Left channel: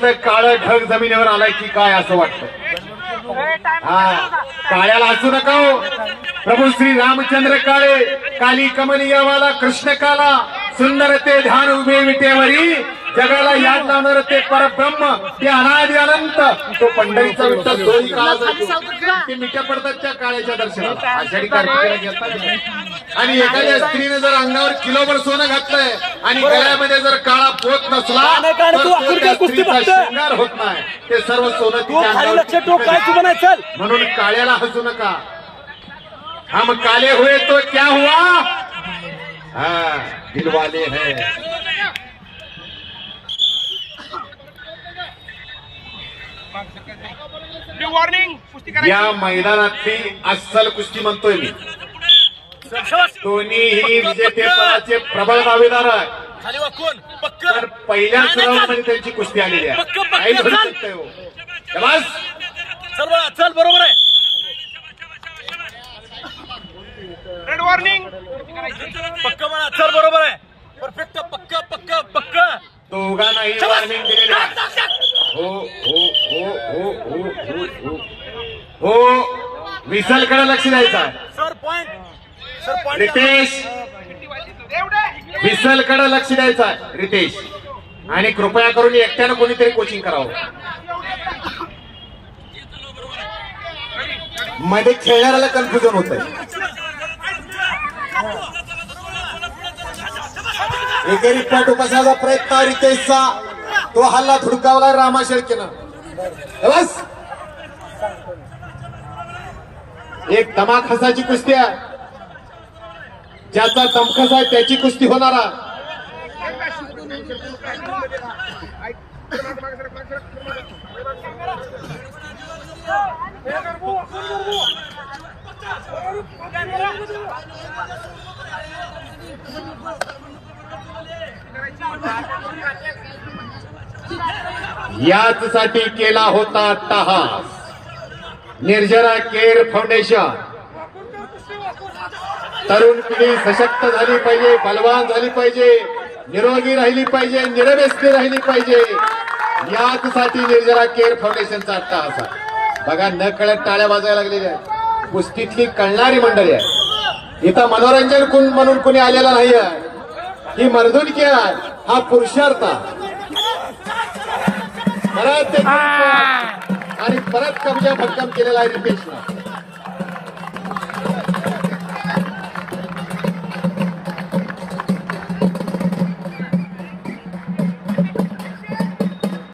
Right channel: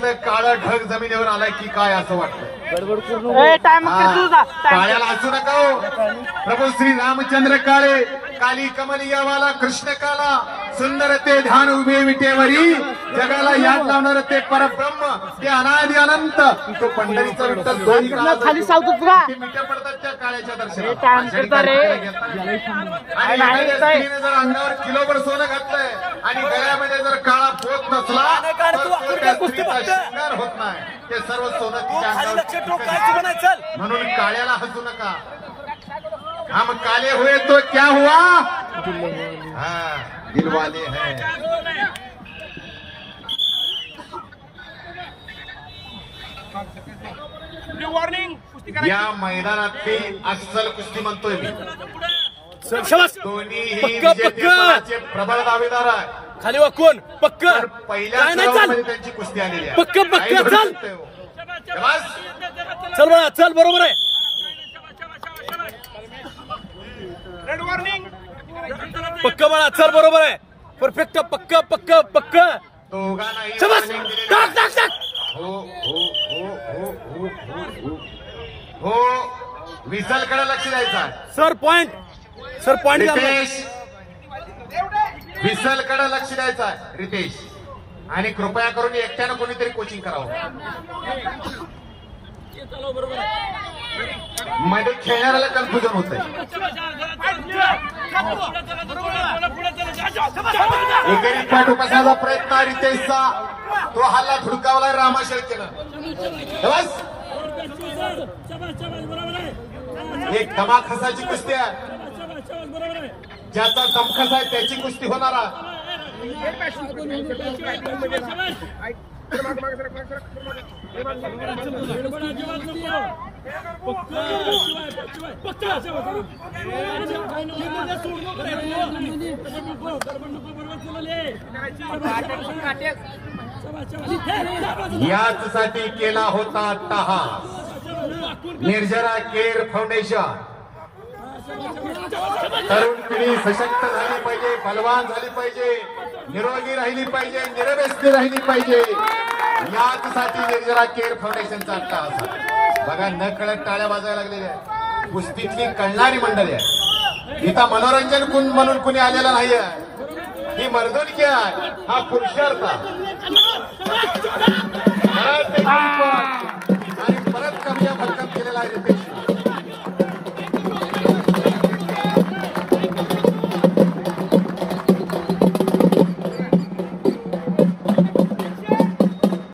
इथलं काळं ढग जमिनीवर आलाय की काय असं वाटतं. काळ्याला हसू नका हो. प्रभू श्री रामचंद्र काळे काली कमनीयवाला कृष्ण काला सुंदर ते ध्यान उभे विटेवरी जगाला याद लावणार ते परब्रह्म ते अनादि अनंत तो पंढरीचा विठ्ठल दोन्ही ते मिठ्या पडतात त्या काळ्याच्या दर्शनात. आणि एखाद्या स्त्रीने जर अंगावर किलोभर सोनं घातलंय आणि गळ्यामध्ये जर काळा पोत नसला तर तो त्या स्त्रीचा शृंगार होत नाही. ते सर्व सोनं तिच्या अंगावर. म्हणून काळ्याला हसू नका. हम काले हुए तो क्या हुआ, हाँ दिलवाले हैं. या मैदानातली अस्सल कुस्ती म्हणतोय मी. दोन्हीही विजेतेपदाचे प्रबळ दावेदार आहे. खाली वाकून पक्क पहिल्या सरावामध्ये त्यांची कुस्ती आलेली आहे. चल चल बरोबर आहे. रेड वॉर्निंग पक्क मला चल बरोबर आहे. परफेक्ट पक्क पक्क पक्क दोघांनाही वॉर्निंग दिलेली आहे. हो हो हो हो हो हो हो विसलकडे लक्ष द्यायचं. Sir point sir point Ritesh विसलकडे लक्ष द्यायचं रितेश. आणि कृपया करून एकट्यानं कोणीतरी कोचिंग करावं. मध्ये खेळणाऱ्याला कन्फ्युजन होत आहे. एकेरी पाठ उपसाचा प्रयत्न रितेशचा. तो हल्ला धुडकावला रामा शेळकेनं. बस एक धमाक हसाची कुस्ती आहे. ज्याचा दमखस आहे त्याची कुस्ती होणारा. याचसाठी केला होता अट्टाहास. निर्जरा केअर फाउंडेशन. तरुण पिढी सशक्त झाली पाहिजे, बलवान झाली पाहिजे, निरोगी राहिली पाहिजे, निरव्यसनी राहिली पाहिजे. याचसाठी निर्जरा केअर फाउंडेशनचा अट्टाहास. बघा न कळत टाळ्या वाजायला लागलेल्या आहेत. कुस्तीतली कळणारी मंडळी आहे. इथं मनोरंजन म्हणून कुणी आलेला नाही आहे. ही मर्दुनकी आहे. हा पुरुषार्थ आणि परत कब्जा भक्कम केलेला आहे रितेश.